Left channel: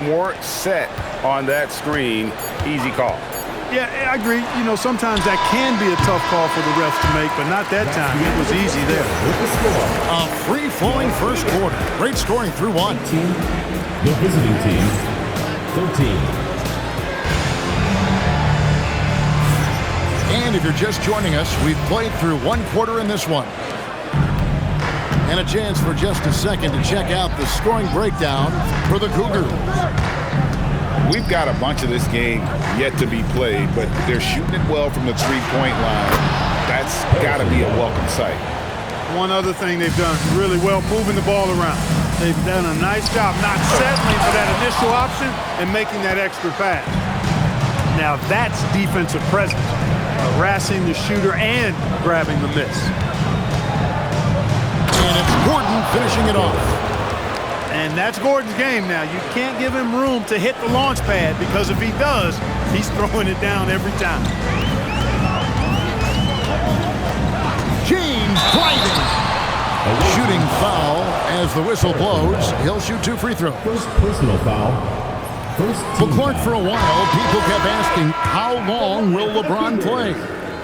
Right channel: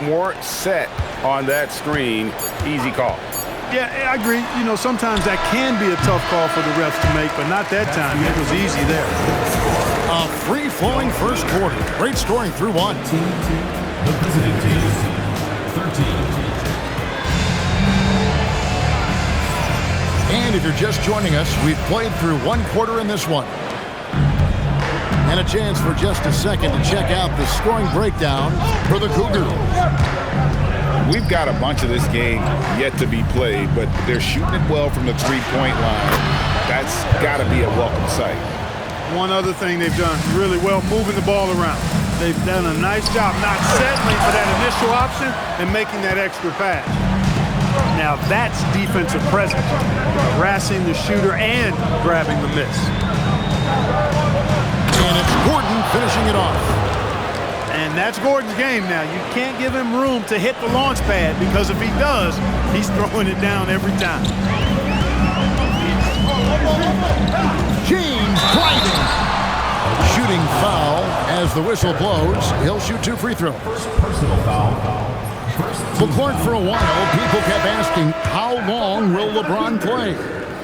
More set on that screen. Easy call. Yeah, I agree. You know, sometimes that can be a tough call for the refs to make, but not that time. It was easy there. A free-flowing first quarter. Great scoring through one. The visiting team, 13. And if you're just joining us, we've played through one quarter in this one. And a chance for just a second to check out the scoring breakdown for the Cougars. We've got a bunch of this game yet to be played, but they're shooting it well from the three-point line. That's got to be a welcome sight. One other thing they've done really well, moving the ball around. They've done a nice job not settling for that initial option and making that extra pass. Now that's defensive presence, harassing the shooter and grabbing the miss. And it's Gordon finishing it off. And that's Gordon's game now. You can't give him room to hit the launch pad because if he does, he's throwing it down every time. James driving. Shooting foul as the whistle blows. He'll shoot 2 free throws. First personal foul. Well, Clark, for a while, people kept asking, how long will LeBron play?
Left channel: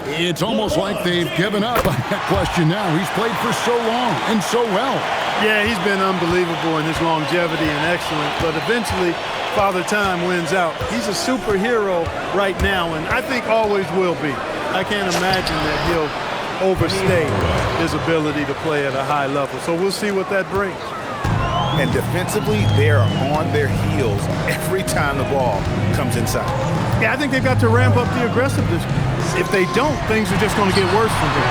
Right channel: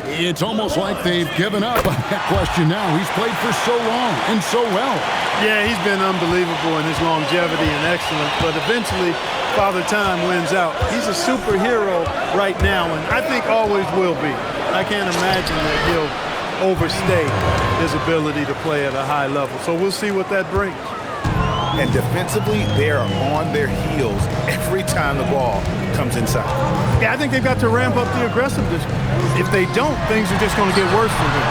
It's almost like they've given up on that question now. He's played for so long and so well. Yeah, he's been unbelievable in his longevity and excellence, but eventually Father Time wins out. He's a superhero right now, and I think always will be. I can't imagine that he'll overstay his ability to play at a high level. So we'll see what that brings. And defensively, they are on their heels every time the ball comes inside. Yeah, I think they've got to ramp up the aggressiveness. If they don't, things are just going to get worse from here.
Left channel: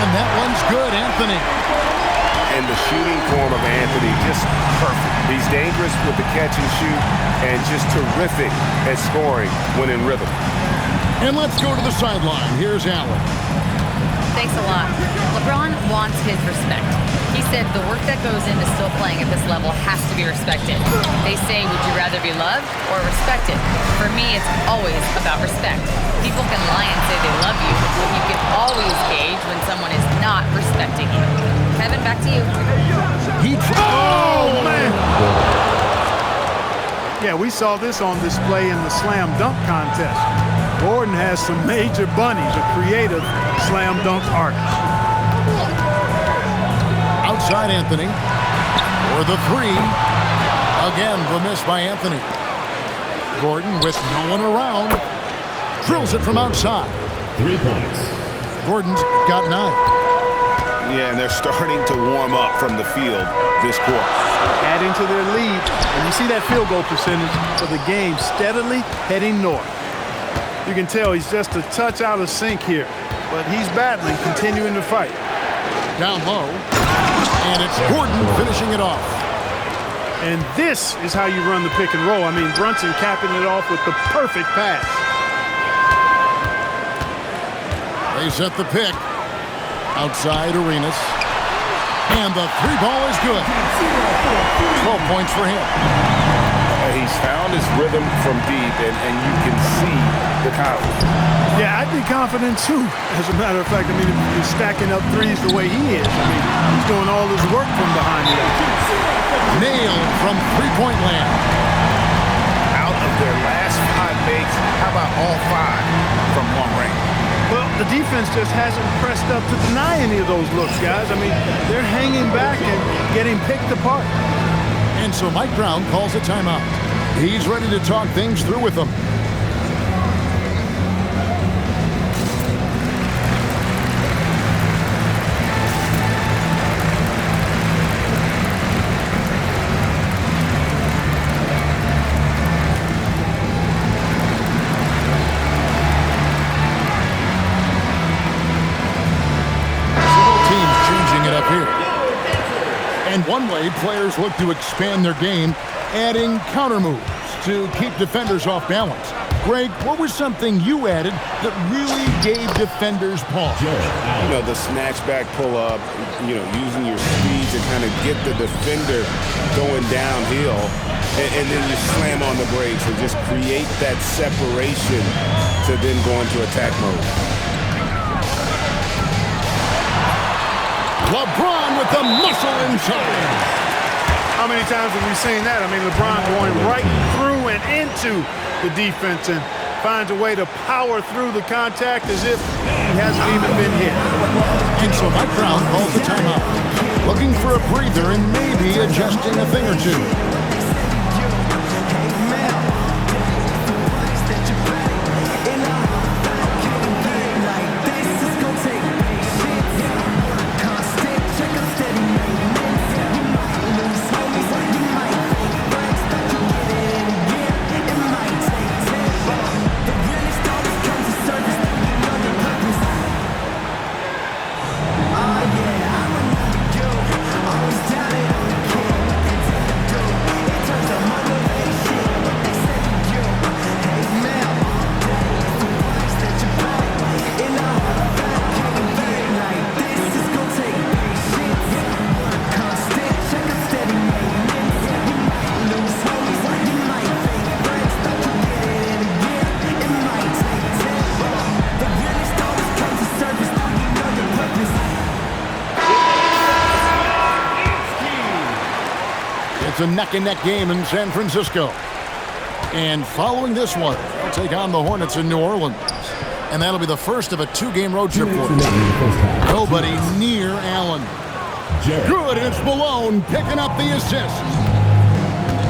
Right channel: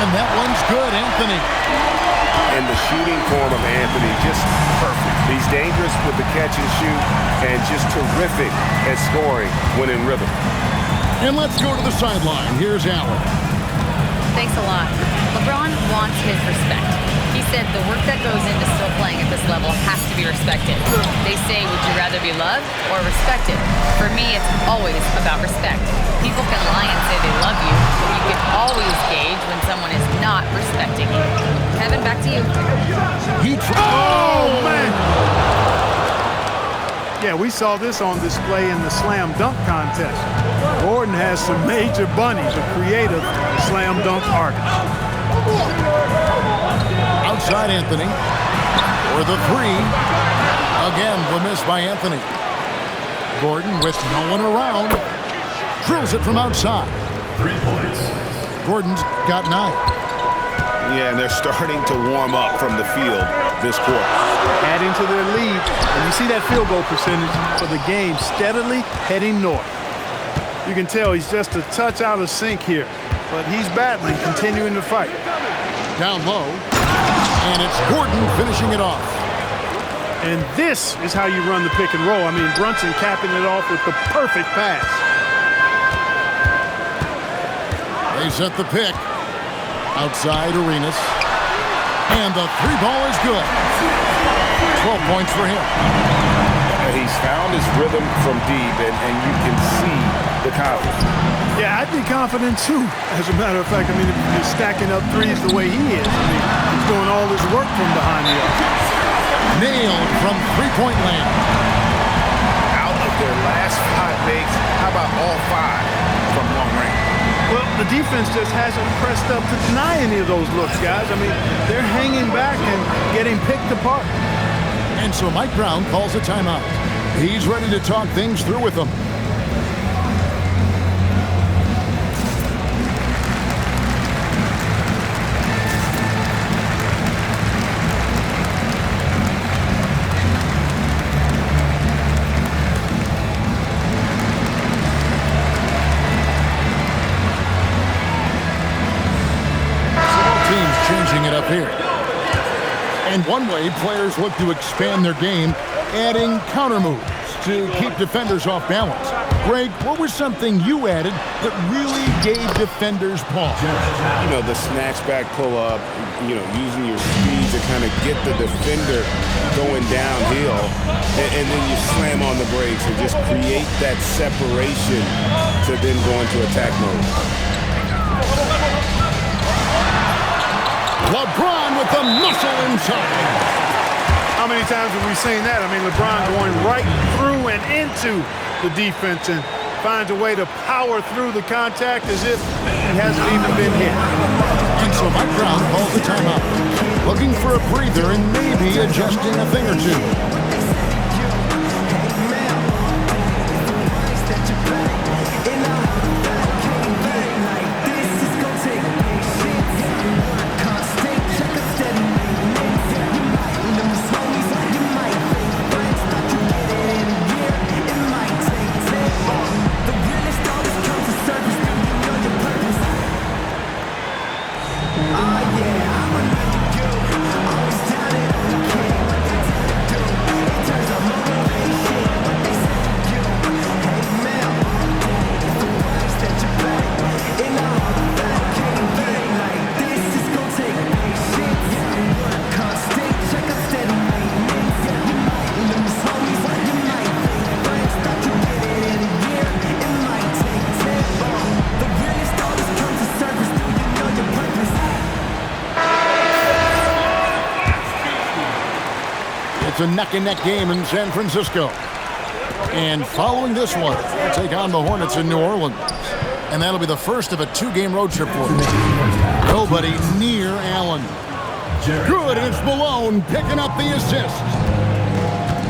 And that one's good, Anthony. And the shooting form of Anthony, just perfect. He's dangerous with the catch and shoot and just terrific at scoring when in rhythm. And let's go to the sideline. Here's Allen. Thanks a lot. LeBron wants his respect. He said the work that goes into still playing at this level has to be respected. They say, would you rather be loved or respected? For me, it's always about respect. People can lie and say they love you, but you can always gauge when someone is not respecting you. Kevin, back to you. Oh, man! Yeah, we saw this on display in the slam dunk contest. Gordon has some major bunnies, a creative slam dunk artist. Outside Anthony for the 3. Again, the miss by Anthony. Gordon with no one around. Drills it from outside. 3 points. Gordon's got 9. Yeah, and they're starting to warm up from the field this quarter. Adding to their lead, and you see that field goal percentage for the game steadily heading north. You can tell he's just a touch out of sync here, but he's battling, continuing to fight. Down low, and it's Gordon finishing it off. And this is how you run the pick and roll. I mean, Brunson capping it off with the perfect pass. They set the pick. Outside Arenas. And the 3 ball is good. 12 points for him. He's found his rhythm from deep, and you can see the confidence. Yeah, I'd be confident too. As a matter of fact, I mean, if you're stacking up threes the way he is, I mean, he's doing all his work from behind the arc. Nailed from three-point land. Out of their last 5 makes, how about all 5 from long range? Well, the defense just hasn't pressed up to deny any of those looks, guys. I mean, they're hanging back and getting picked apart. And so Mike Brown calls a timeout. He's ready to talk things through with them. Changing it up here. And one way players look to expand their game, adding counter moves to keep defenders off balance. Greg, what was something you added that really gave defenders pause? You know, the snatch back pull-up, you know, using your speed to kind of get the defender going downhill, and then you slam on the brakes and just create that separation to then go into attack mode. LeBron with the muscle inside. How many times have we seen that? I mean, LeBron going right through and into the defense and finds a way to power through the contact as if he hasn't even been hit. And so Mike Brown calls the timeout, looking for a breather and maybe adjusting a thing or two. It's a neck-and-neck game in San Francisco. And following this one, they'll take on the Hornets in New Orleans. And that'll be the first of a 2-game road trip for them. Nobody near Allen. Good, and it's Malone picking up the assist.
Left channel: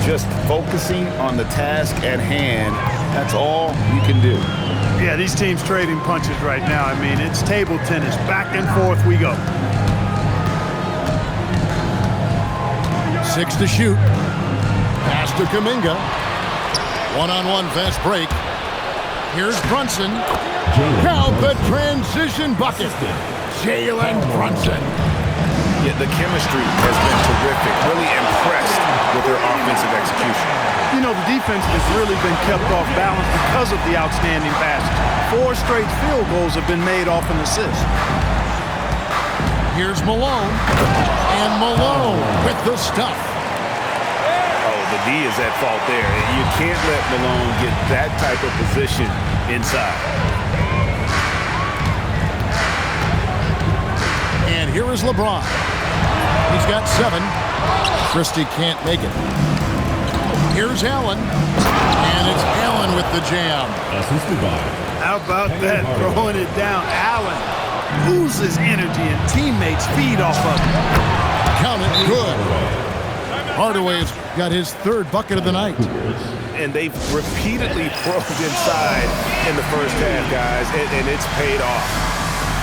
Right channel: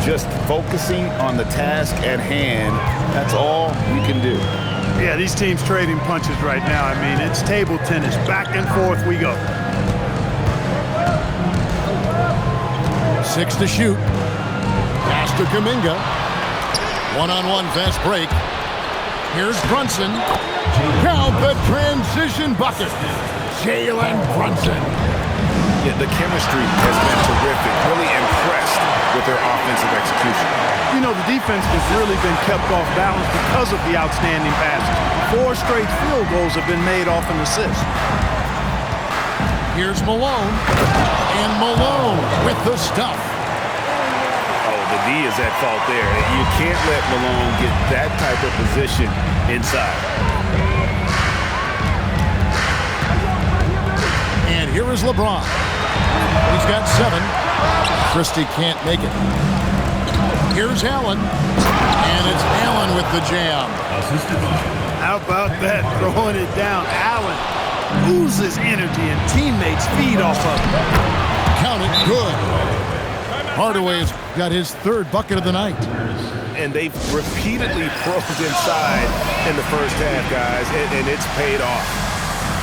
Just focusing on the task at hand, that's all you can do. Yeah, these teams trading punches right now. I mean, it's table tennis. Back and forth we go. 6 to shoot. Pass to Kuminga. One-on-one fast break. Here's Brunson. Count the transition bucket. Jalen Brunson. Yeah, the chemistry has been terrific. Really impressed with their offensive execution. You know, the defense has really been kept off balance because of the outstanding passes. 4 straight field goals have been made off an assist. Here's Malone. And Malone with the stuff. Oh, the D is at fault there. You can't let Malone get that type of position inside. And here is LeBron. He's got 7. Christie can't make it. Here's Allen. And it's Allen with the jam. Assisted by. How about that? Throwing it down. Allen oozes energy and teammates feed off of it. Count it, good. Hardaway's got his 3rd bucket of the night. And they've repeatedly probed inside in the first half, guys, and it's paid off.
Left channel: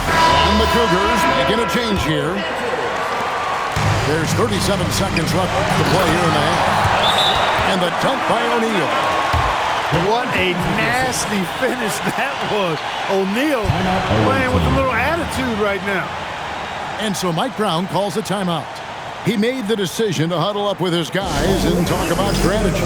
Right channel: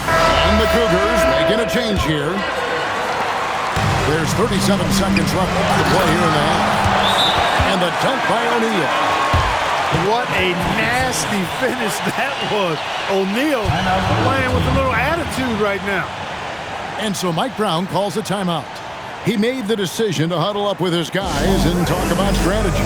And the Cougars making a change here. There's 37 seconds left to play here in the half. And the dunk by O'Neal. What a nasty finish that was. O'Neal playing with a little attitude right now. And so Mike Brown calls a timeout. He made the decision to huddle up with his guys and talk about strategy.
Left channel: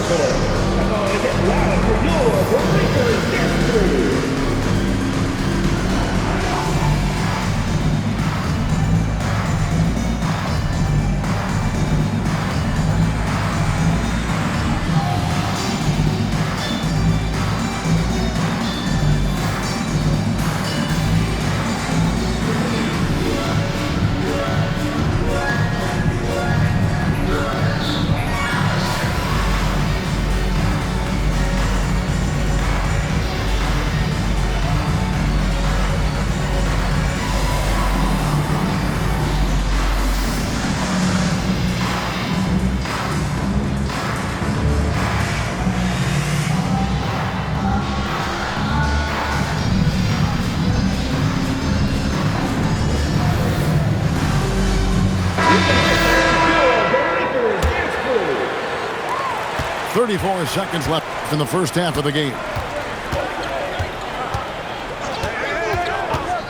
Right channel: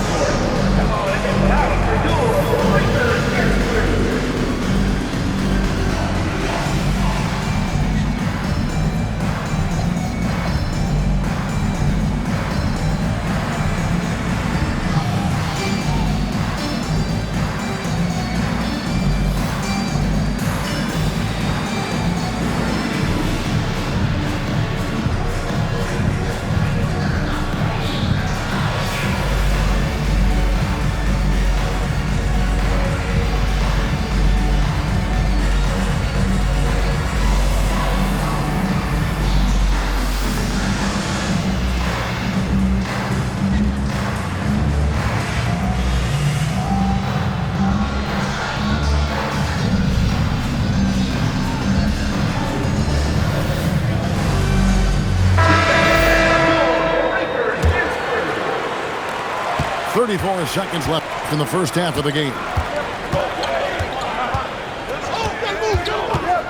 34 seconds left in the first half of the game.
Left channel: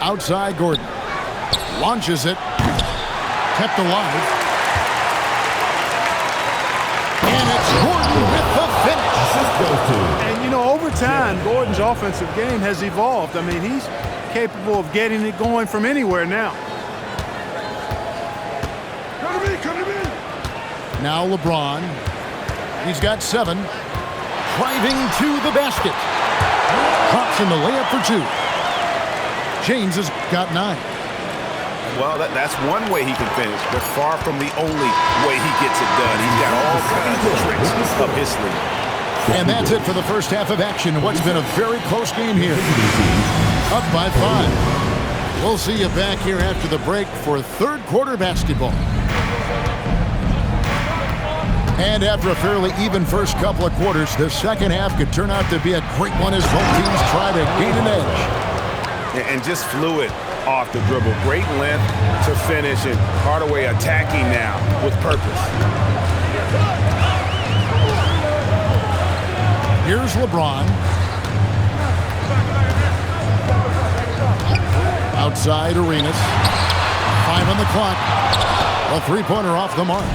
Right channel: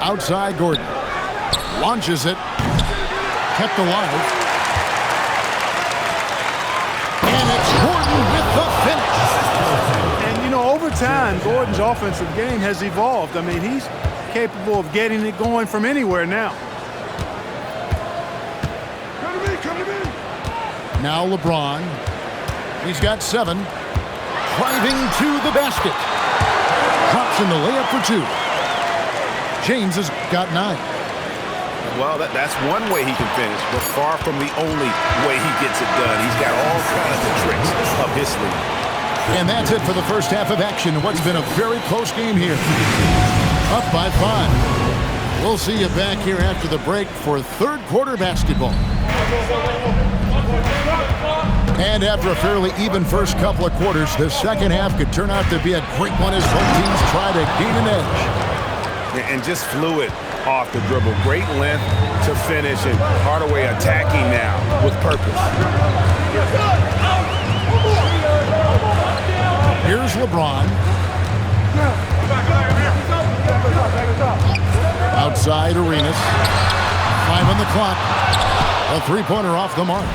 Outside Gordon. Launches it. Kept alive. And it's Gordon with the finish. And, you know, over time, Gordon's offensive game has evolved. I mean, he's capable of getting it going from anywhere now. Come to me. Now LeBron. He's got 7. Driving to the basket. Drops in the layup for 2. James has got 9. Well, that's one way he can finish, but far from the only way he gets it done. He's got all kinds of tricks up his sleeve. And that's it for the first half of action. What's been a very close game here. Up by 5. We'll see you back here after the break for third quarter basketball. And after a fairly even first couple of quarters, the second half could turn out to be a great one as both teams try to gain an edge. And just fluid off the dribble. Great length to finish, and Hardaway attacking now with purpose. Here's LeBron. Outside Arenas. 5 on the clock. A three-pointer off the mark.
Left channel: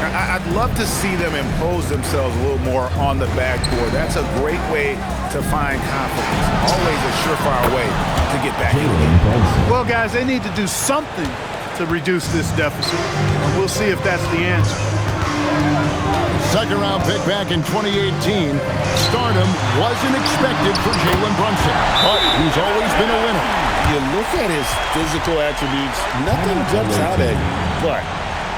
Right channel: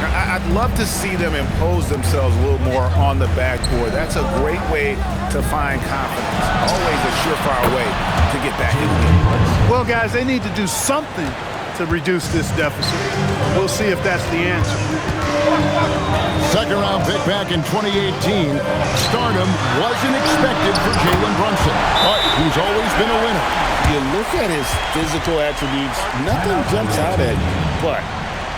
I'd love to see them impose themselves a little more on the backboard. That's a great way to find confidence. Always a surefire way to get back in the game. Well, guys, they need to do something to reduce this deficit. We'll see if that's the answer. Second round pick back in 2018. Stardom wasn't expected for Jalen Brunson, but he's always been a winner. You look at his physical attributes, nothing jumps out at you, but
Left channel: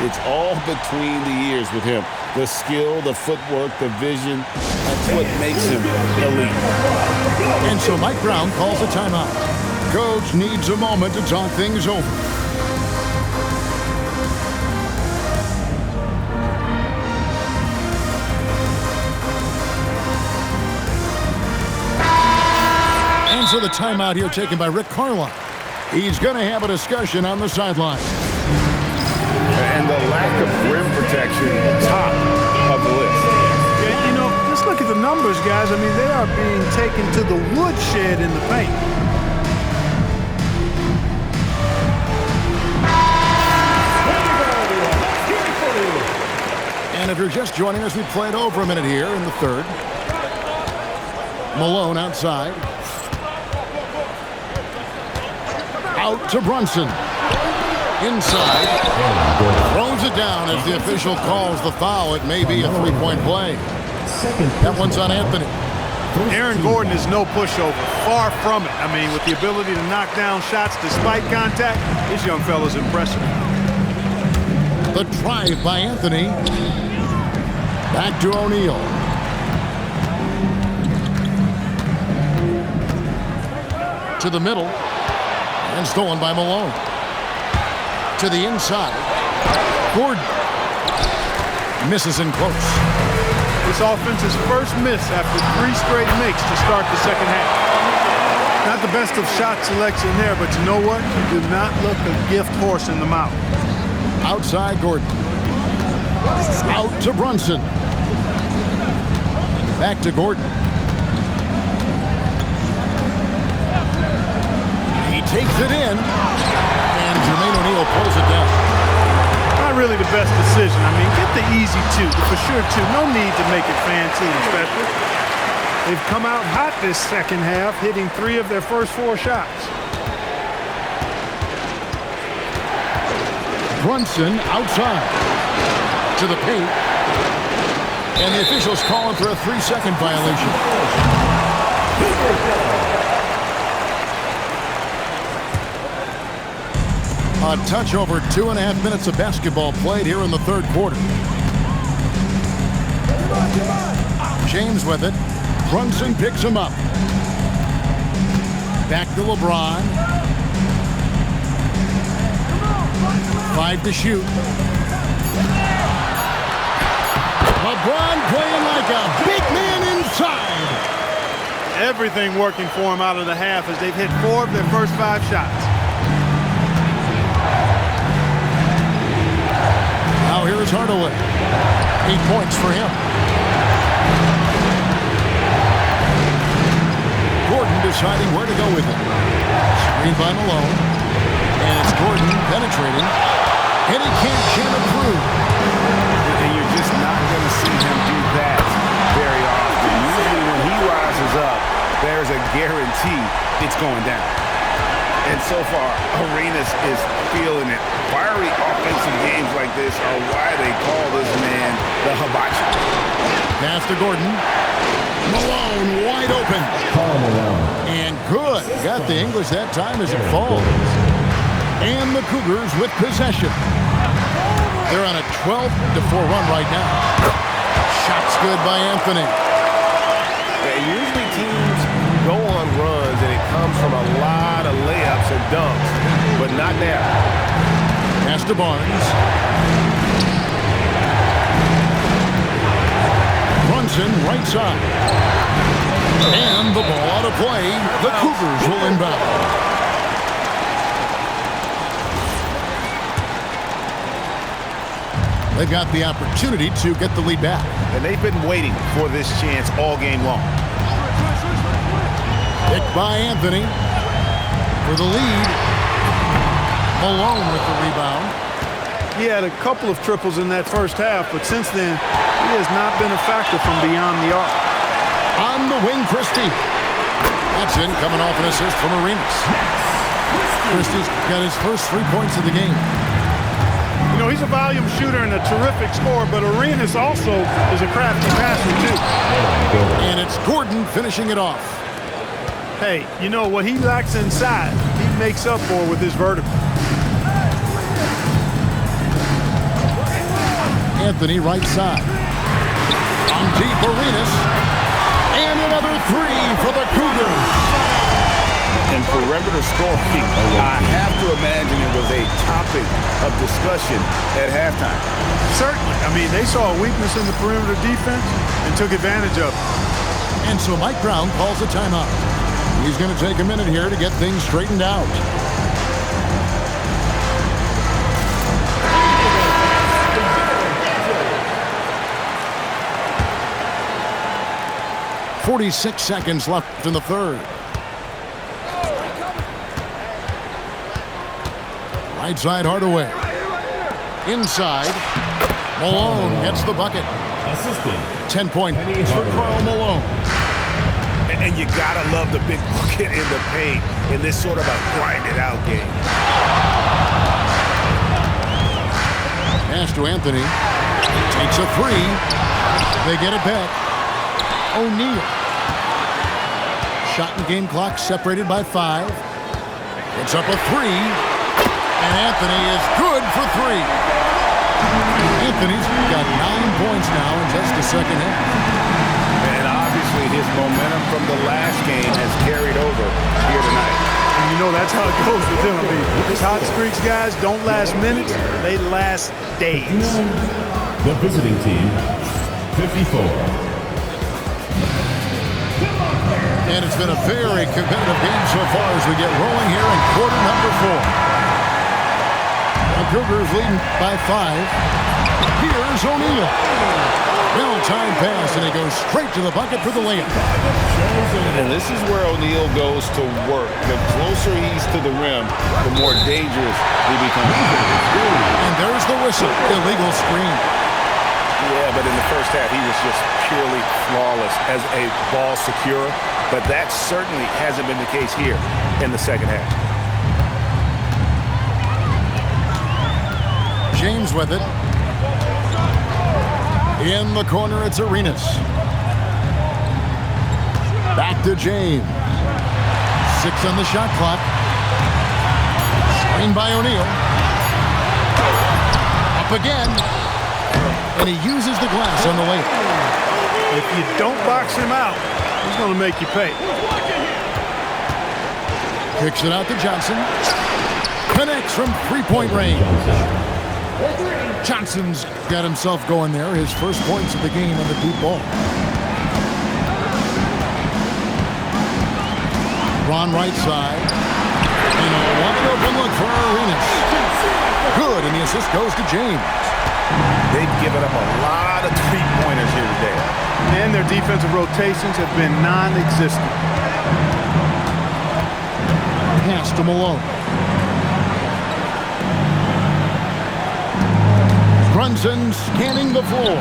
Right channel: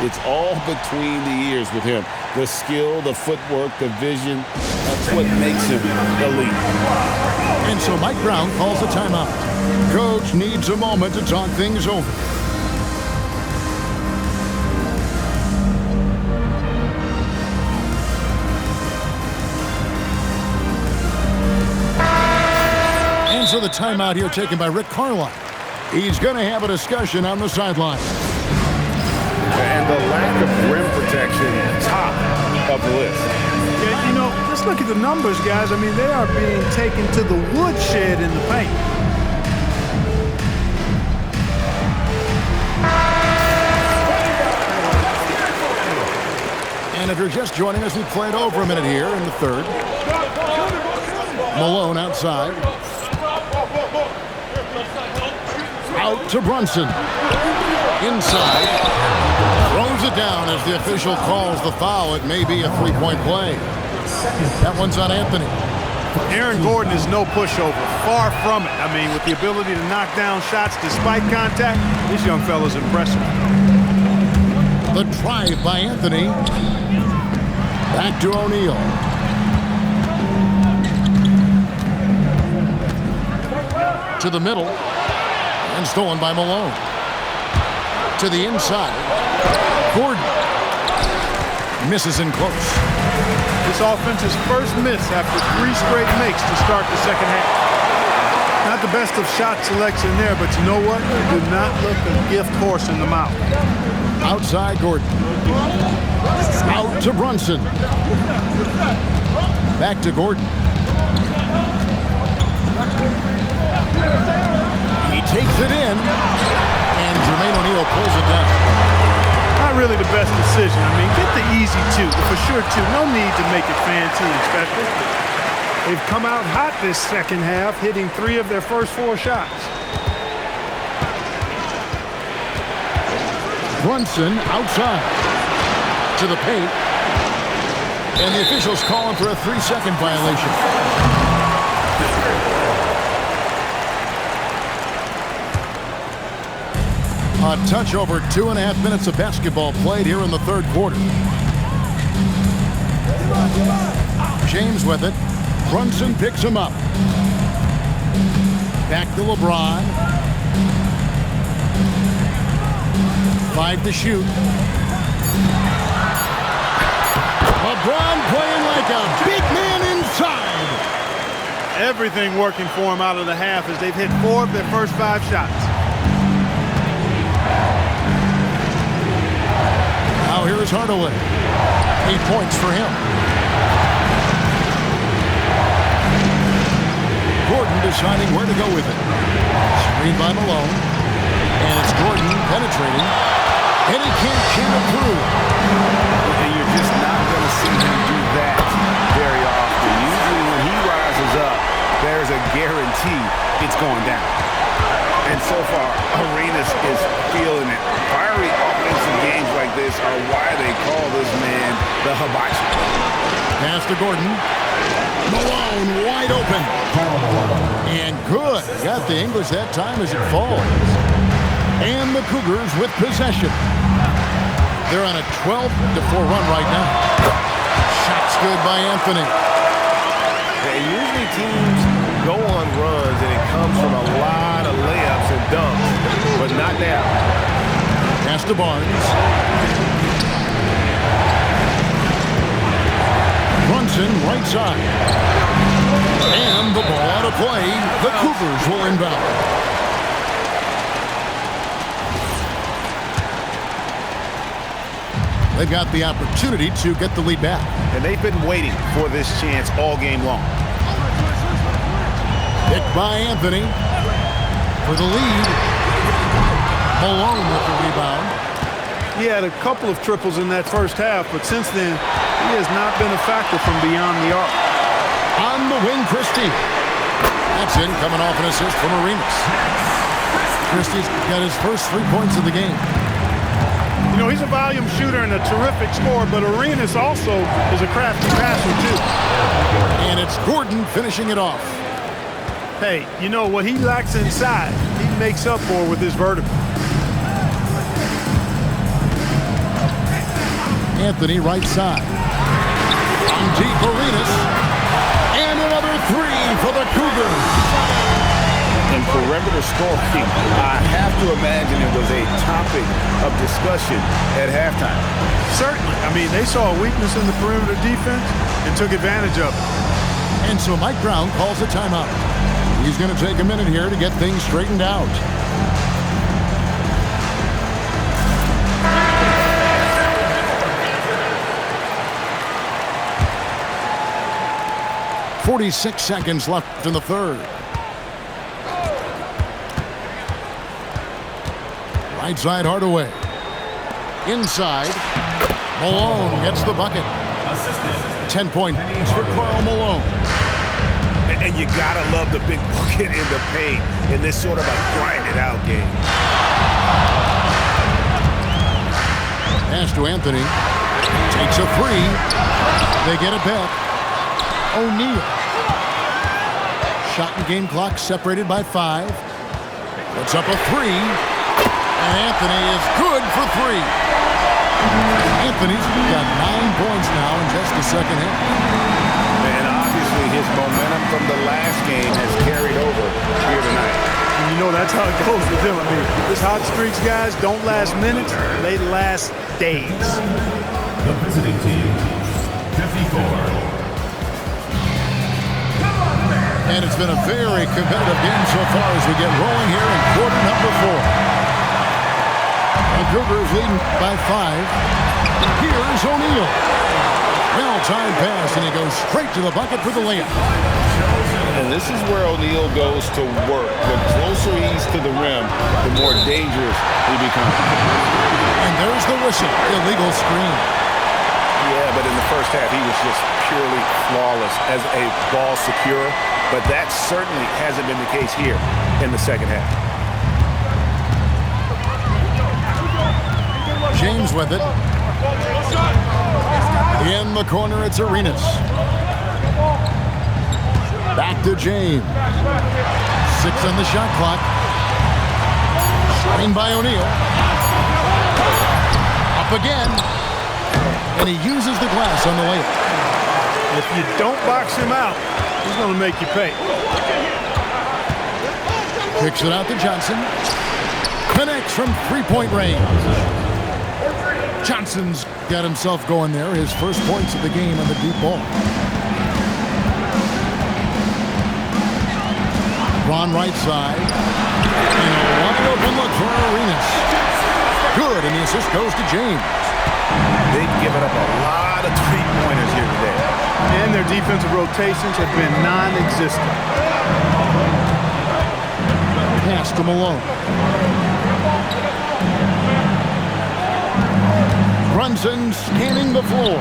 it's all between the ears with him. The skill, the footwork, the vision, that's what makes him elite. And so Mike Brown calls a timeout. Coach needs a moment to talk things over. And so the timeout here taken by Rick Carlisle. He's going to have a discussion on the sideline. And the lack of rim protection, top of the list. Yeah, you know, just look at the numbers, guys. I mean, they are being taken to the woodshed in the paint. And if you're just joining us, we played over a minute here in the third. Malone outside. Out to Brunson. Inside. Throws it down as the official calls the foul. It may be a three-point play. That one's on Anthony. Aaron Gordon is no pushover. Far from it. I mean, with the ability to knock down shots despite contact, this young fella's impressive. The drive by Anthony. Back to O'Neal. To the middle. And stolen by Malone. To the inside. Gordon. Misses in close. This offense's first miss after 3 straight makes to start the second half. Not the best of shot selection there, but you know what? You do not look a gift horse in the mouth. Outside Gordon. Out to Brunson. Back to Gordon. He takes it in. And Jermaine O'Neal pulls it down. Not really the best decision. I mean, get the easy 2, the for sure 2. No need to make it fancy and special. They've come out hot this second half, hitting 3 of their first 4 shots. Brunson outside to the paint. And the officials calling for a 3-second violation. A touch over 2.5 minutes of basketball played here in the third quarter. James with it. Brunson picks him up. Back to LeBron. 5 to shoot. LeBron playing like a big man inside. Everything working for him out of the half as they've hit 4 of their first 5 shots. Now here's Hardaway. 8 points for him. Gordon deciding where to go with it. Screen by Malone. And it's Gordon penetrating. And he can't jam it through. And you're just not going to see him do that very often. Usually when he rises up, there's a guarantee it's going down. And so far, Arenas is feeling it. Fiery offensive games like this are why they call this man the hibachi. Pass to Gordon. Malone wide open. And good. Got the English that time as it falls. And the Cougars with possession. They're on a 12-4 run right now. Shot's good by Anthony. Usually teams go on runs and it comes from a lot of layups and dunks, but not now. Pass to Barnes. Brunson right side. And the ball out of play. The Cougars will inbound. They've got the opportunity to get the lead back. And they've been waiting for this chance all game long. Picked by Anthony for the lead. Malone with the rebound. He had a couple of triples in that first half, but since then, he has not been a factor from beyond the arc. On the wing, Christie. That's in, coming off an assist from Arenas. Christie's got his first 3 points of the game. You know, he's a volume shooter and a terrific scorer, but Arenas also is a crafty passer, too. And it's Gordon finishing it off. Hey, you know, what he lacks inside, he makes up for with his vertical. Anthony right side. On deep, Arenas. And another three for the Cougars. In perimeter scoring, I have to imagine it was a topic of discussion at halftime. Certainly. I mean, they saw a weakness in the perimeter defense and took advantage of it. And so Mike Brown calls a timeout. He's going to take a minute here to get things straightened out. .46 seconds left in the third. Right side, Hardaway. Inside. Malone gets the bucket. Assistant. 10 points for Karl Malone. And you gotta love the big bucket in the paint in this sort of a grinded-out game. Pass to Anthony. Takes a three. They get it back. O'Neal. Shot and game clock separated by 5. Puts up a three. And Anthony is good for three. Anthony's got 9 points now in just the second half. And obviously his momentum from the last game has carried over here tonight. And you know that's how it goes with him. I mean, this hot streaks, guys, don't last minutes. They last days. The visiting team, 54. And it's been a very competitive game so far as we get rolling here in quarter number 4. The Cougars leading by 5. Here's O'Neal. Well-timed pass, and he goes straight to the bucket for the layup. And this is where O'Neal goes to work. The closer he's to the rim, the more dangerous he becomes. And there's the whistle. Illegal screen. Yeah, but in the first half, he was just purely flawless as a ball securer. But that certainly hasn't been the case here in the second half. James with it. In the corner, it's Arenas. Back to James. 6 on the shot clock. Screen by O'Neal. Up again. And he uses the glass on the layup. If you don't box him out, he's going to make you pay. Kicks it out to Johnson. Connects from three-point range. Johnson's got himself going there. His first points of the game on the deep ball. Ron right side. And a wide open look for Arenas. Good, and the assist goes to James. They've given up a lot of three-pointers here today. And their defensive rotations have been non-existent. Pass to Malone. Brunson scanning the floor.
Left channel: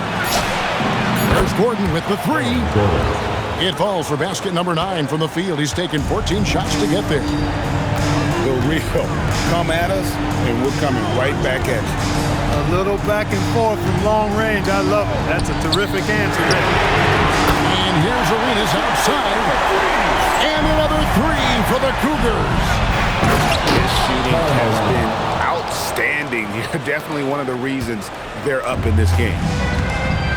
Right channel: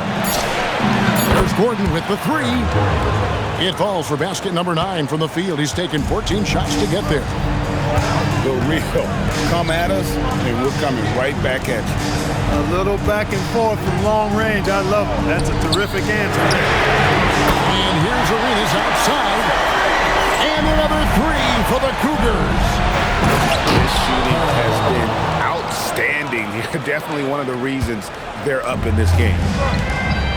There's Gordon with the three. It falls for basket number 9 from the field. He's taken 14 shots to get there. The real come at us, and we're coming right back at you. A little back and forth from long range. I love it. That's a terrific answer there. And here's Arenas outside. And another three for the Cougars. His shooting has been outstanding. Definitely one of the reasons they're up in this game.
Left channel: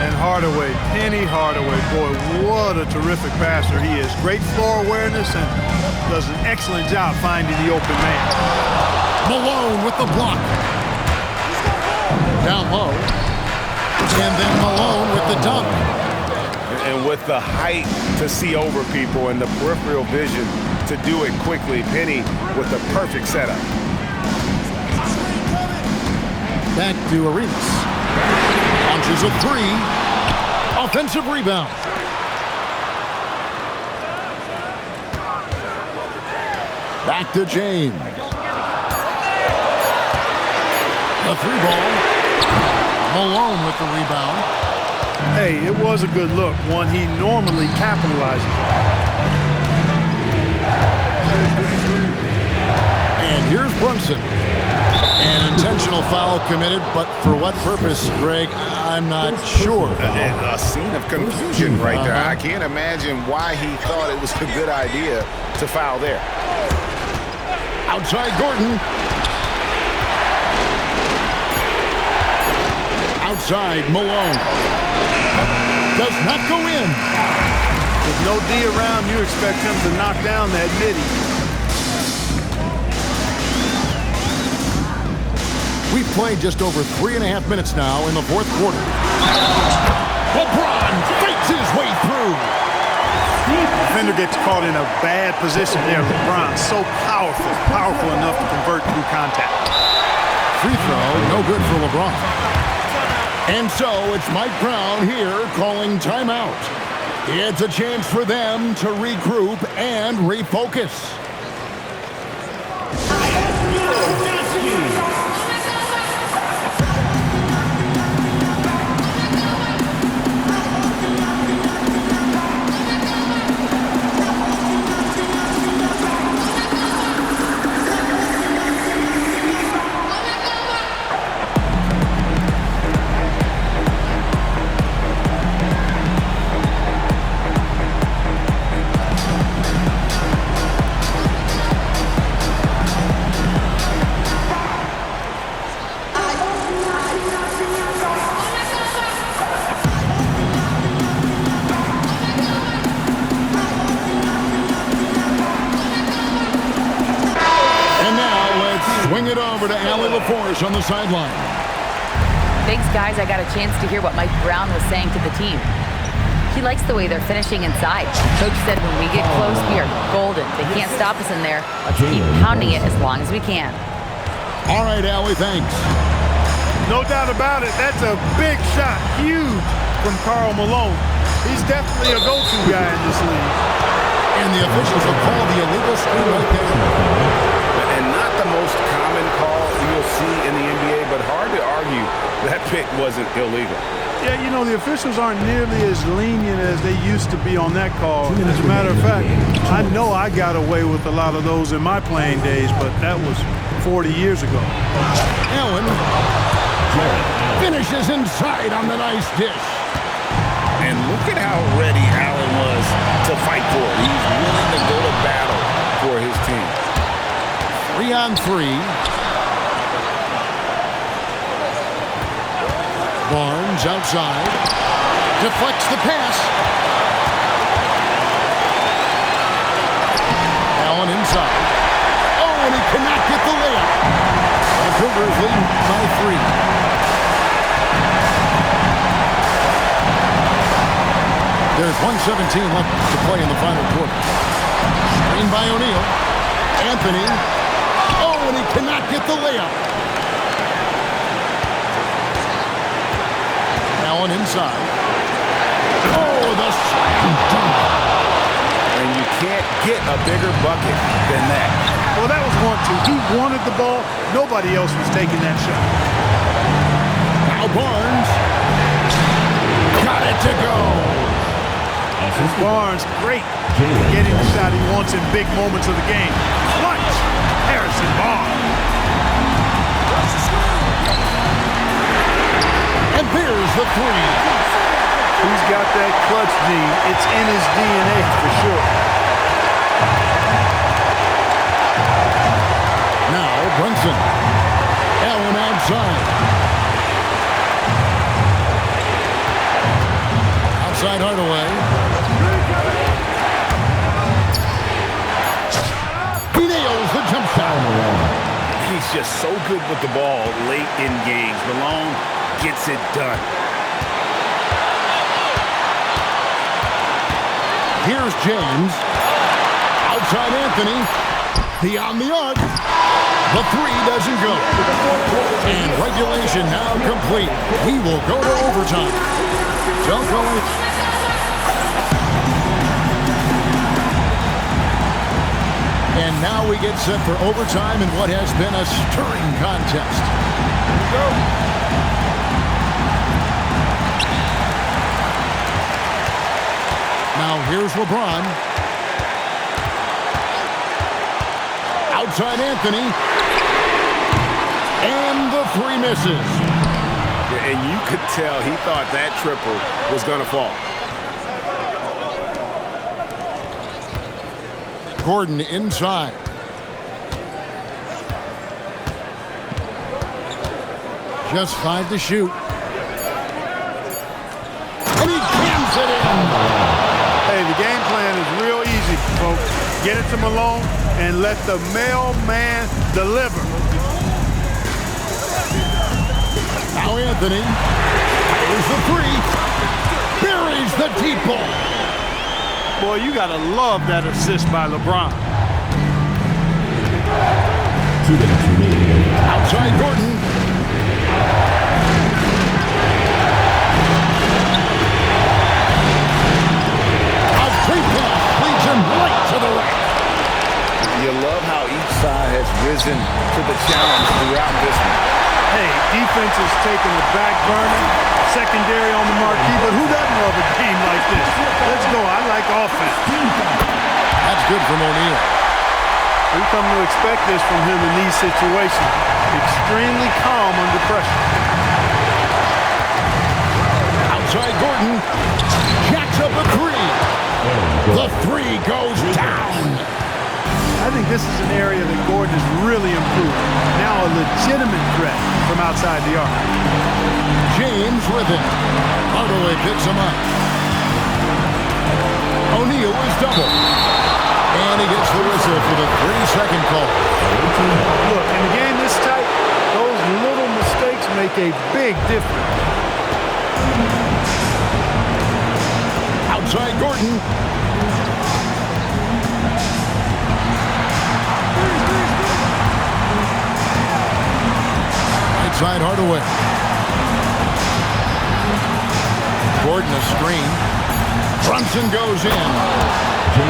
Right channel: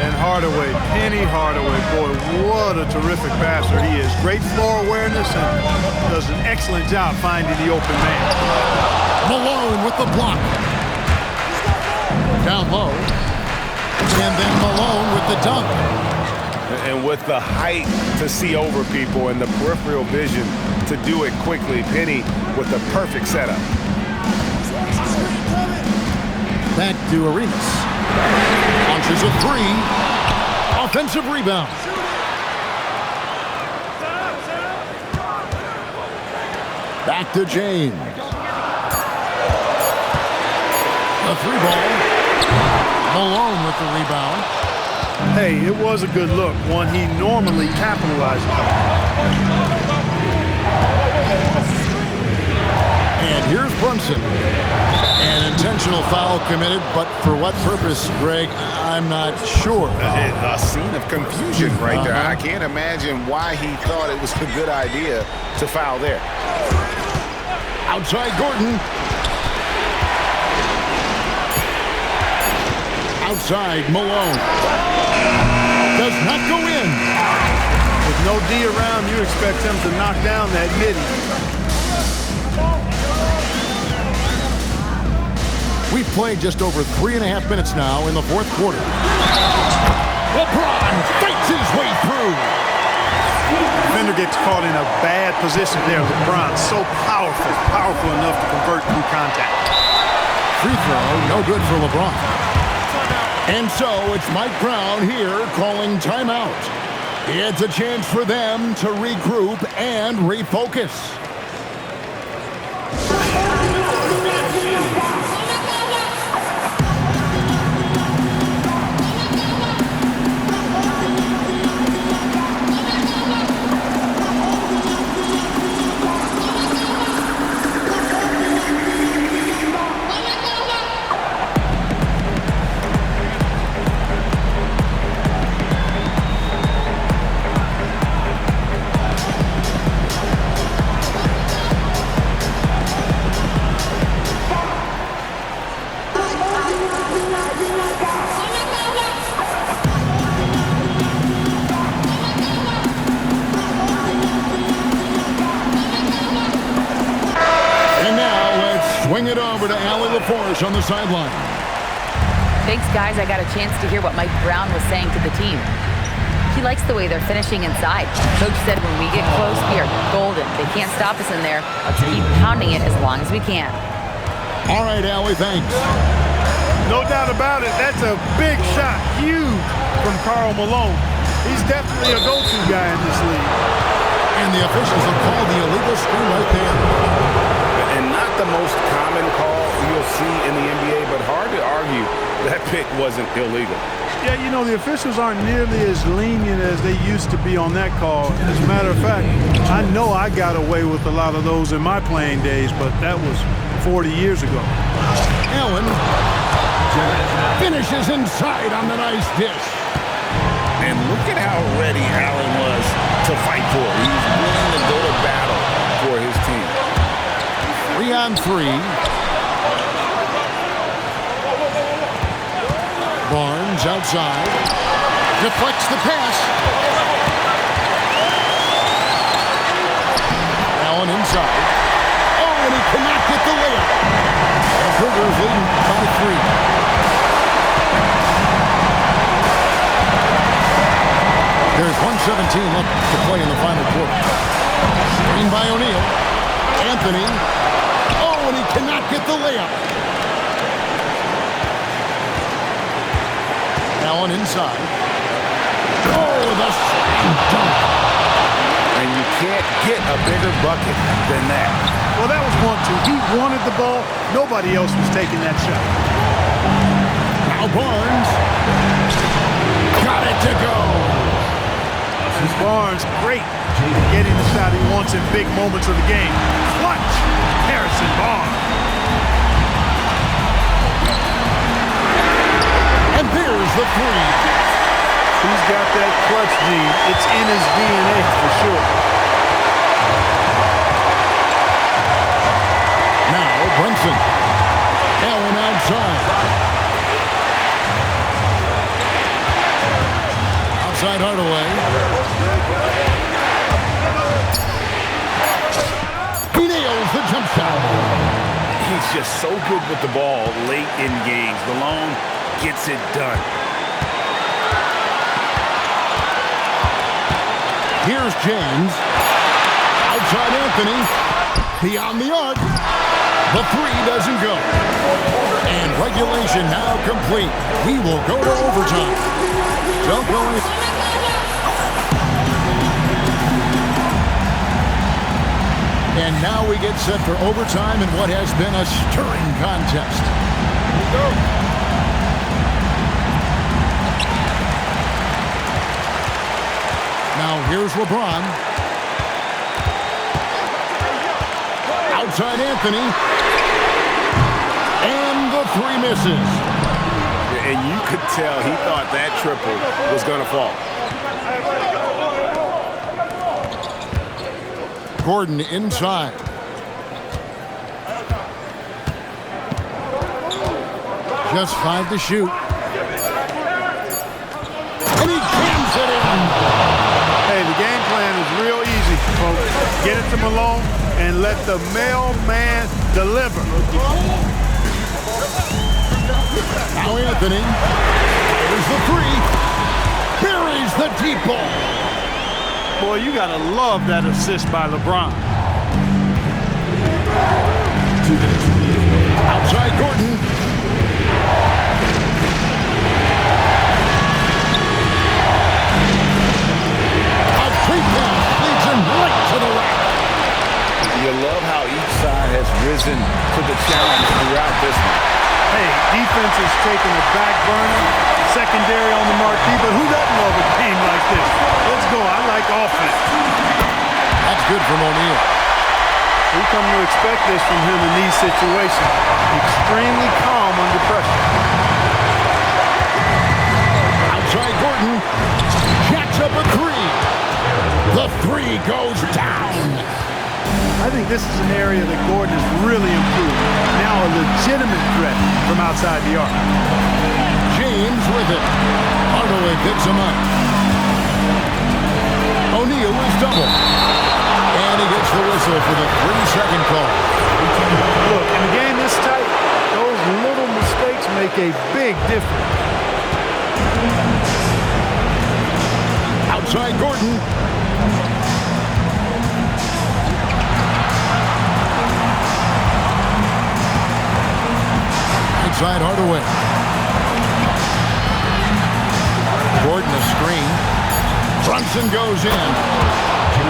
And Hardaway, Penny Hardaway, boy, what a terrific passer he is. Great floor awareness and does an excellent job finding the open man. Malone with the block. Down low. And then Malone with the dunk. And with the height to see over people and the peripheral vision to do it quickly, Penny with the perfect setup. Back to Arenas. Launches a three. Offensive rebound. Back to James. The three ball. Malone with the rebound. Hey, it was a good look, one he normally capitalizes on. And here's Brunson. An intentional foul committed, but for what purpose, Greg, I'm not sure. A scene of confusion right there. I can't imagine why he thought it was a good idea to foul there. Outside Gordon. Outside Malone. Does not go in. With no D around, you expect him to knock down that midi. We've played just over 3.5 minutes now in the fourth quarter. LeBron fights his way through. Defender gets caught in a bad position there. LeBron, so powerful enough to convert through contact. Free throw, no good for LeBron. And so it's Mike Brown here calling timeout. It's a chance for them to regroup and refocus. Swing it over to Allie LaForce on the sideline. Thanks, guys. I got a chance to hear what Mike Brown was saying to the team. He likes the way they're finishing inside. Coach said when we get close, we are golden. They can't stop us in there. Let's keep pounding it as long as we can. All right, Allie, thanks. No doubt about it. That's a big shot. Huge from Karl Malone. He's definitely a go-to guy in this league. And the officials have called the illegal screen right there. And not the most common call you'll see in the NBA, but hard to argue that pick wasn't illegal. Yeah, you know, the officials aren't nearly as lenient as they used to be on that call. As a matter of fact, I know I got away with a lot of those in my playing days, but that was 40 years ago. Allen finishes inside on the nice dish. And look at how ready Allen was to fight for it. He's willing to go to battle for his team. 3-on-3. Barnes outside. Deflects the pass. Allen inside. Oh, and he cannot get the layup. The Cougars leading by 3. There's 1:17 left to play in the final quarter. Screen by O'Neal. Anthony. Oh, and he cannot get the layup. Allen inside. Oh, the slam dunk. And you can't get a bigger bucket than that. Well, that was 1-2. He wanted the ball. Nobody else was taking that shot. Now Barnes. Got it to go. And Barnes, great at getting the shot he wants in big moments of the game. Clutch. Harrison Barnes. And there's the 3. He's got that clutch gene. It's in his DNA for sure. Now Brunson. Allen outside. Outside Hardaway. He nails the jump shot. He's just so good with the ball late in games. Malone gets it done. Here's James. Outside Anthony. Beyond the arc. The three doesn't go. And regulation now complete. We will go to overtime. Don't go any... And now we get set for overtime in what has been a stirring contest. Here we go. Now here's LeBron. Outside Anthony. And the three misses. And you could tell he thought that triple was going to fall. Gordon inside. Just 5 to shoot. And he jams it in. Hey, the game plan is real easy, folks. Get it to Malone and let the mailman deliver. Now Anthony fires the three. Buries the deep ball. Boy, you got to love that assist by LeBron. Outside Gordon. A three pass leads him right to the rack. You love how each side has risen to the challenge throughout this one. Hey, defense is taking a back burner, secondary on the marquee, but who doesn't love a game like this? Let's go. I like offense. That's good from O'Neal. We come to expect this from him in these situations. Extremely calm under pressure. Outside Gordon. Jacks up a three. The three goes down. I think this is an area that Gordon has really improved. Now a legitimate threat from outside the arc. James with it. Hardaway picks him up. O'Neal is double. And he gets the whistle for the 3-second call. Look, in a game this tight, those little mistakes make a big difference. Outside Gordon. Right side Hardaway. Gordon a screen. Brunson goes in.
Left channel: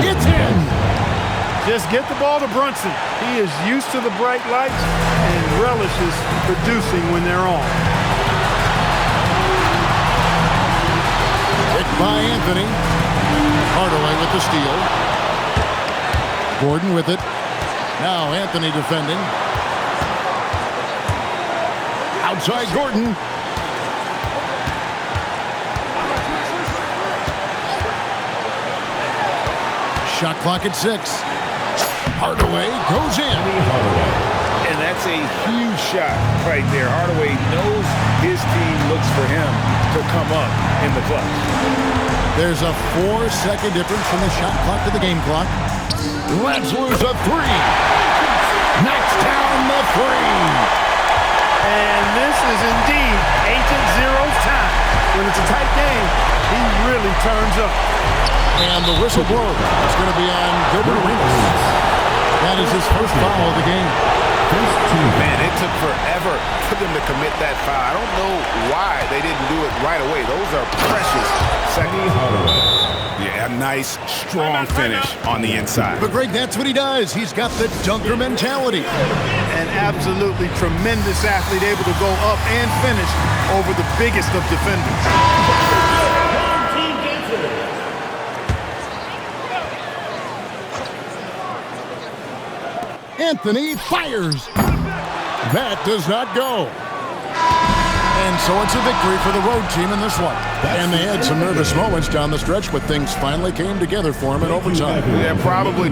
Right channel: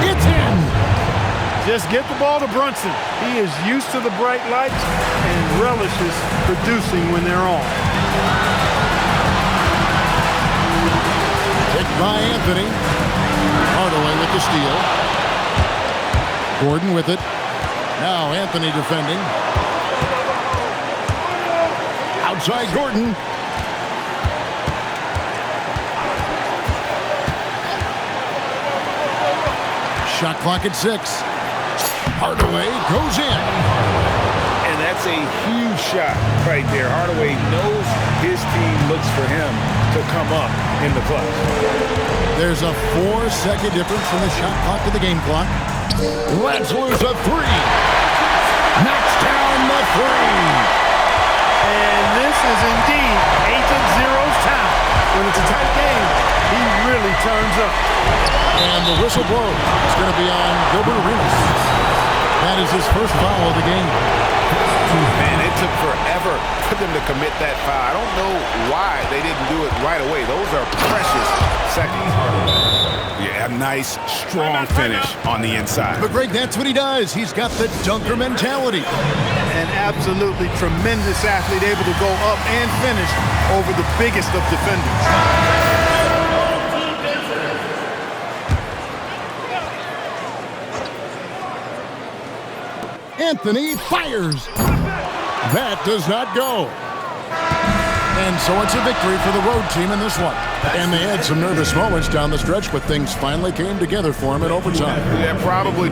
It's in. Just get the ball to Brunson. He is used to the bright lights and relishes producing when they're on. Hit by Anthony. Hardaway with the steal. Gordon with it. Now Anthony defending. Outside Gordon. Shot clock at 6. Hardaway goes in. And that's a huge shot right there. Hardaway knows his team looks for him to come up in the clutch. There's a 4-second difference from the shot clock to the game clock. Let's lose a three. Knocks down the three. And this is indeed Agent Zero's time. When it's a tight game, he really turns up. And the whistle blows. It's going to be on Gilbert Arenas. That is his first foul of the game. Man, it took forever for them to commit that foul. I don't know why they didn't do it right away. Those are precious seconds. Yeah, a nice, strong finish on the inside. But Greg, that's what he does. He's got the dunker mentality. An absolutely tremendous athlete, able to go up and finish over the biggest of defenders. Anthony fires. That does not go. And so it's a victory for the road team in this one. And they had some nervous moments down the stretch, but things finally came together for him in overtime. Yeah, probably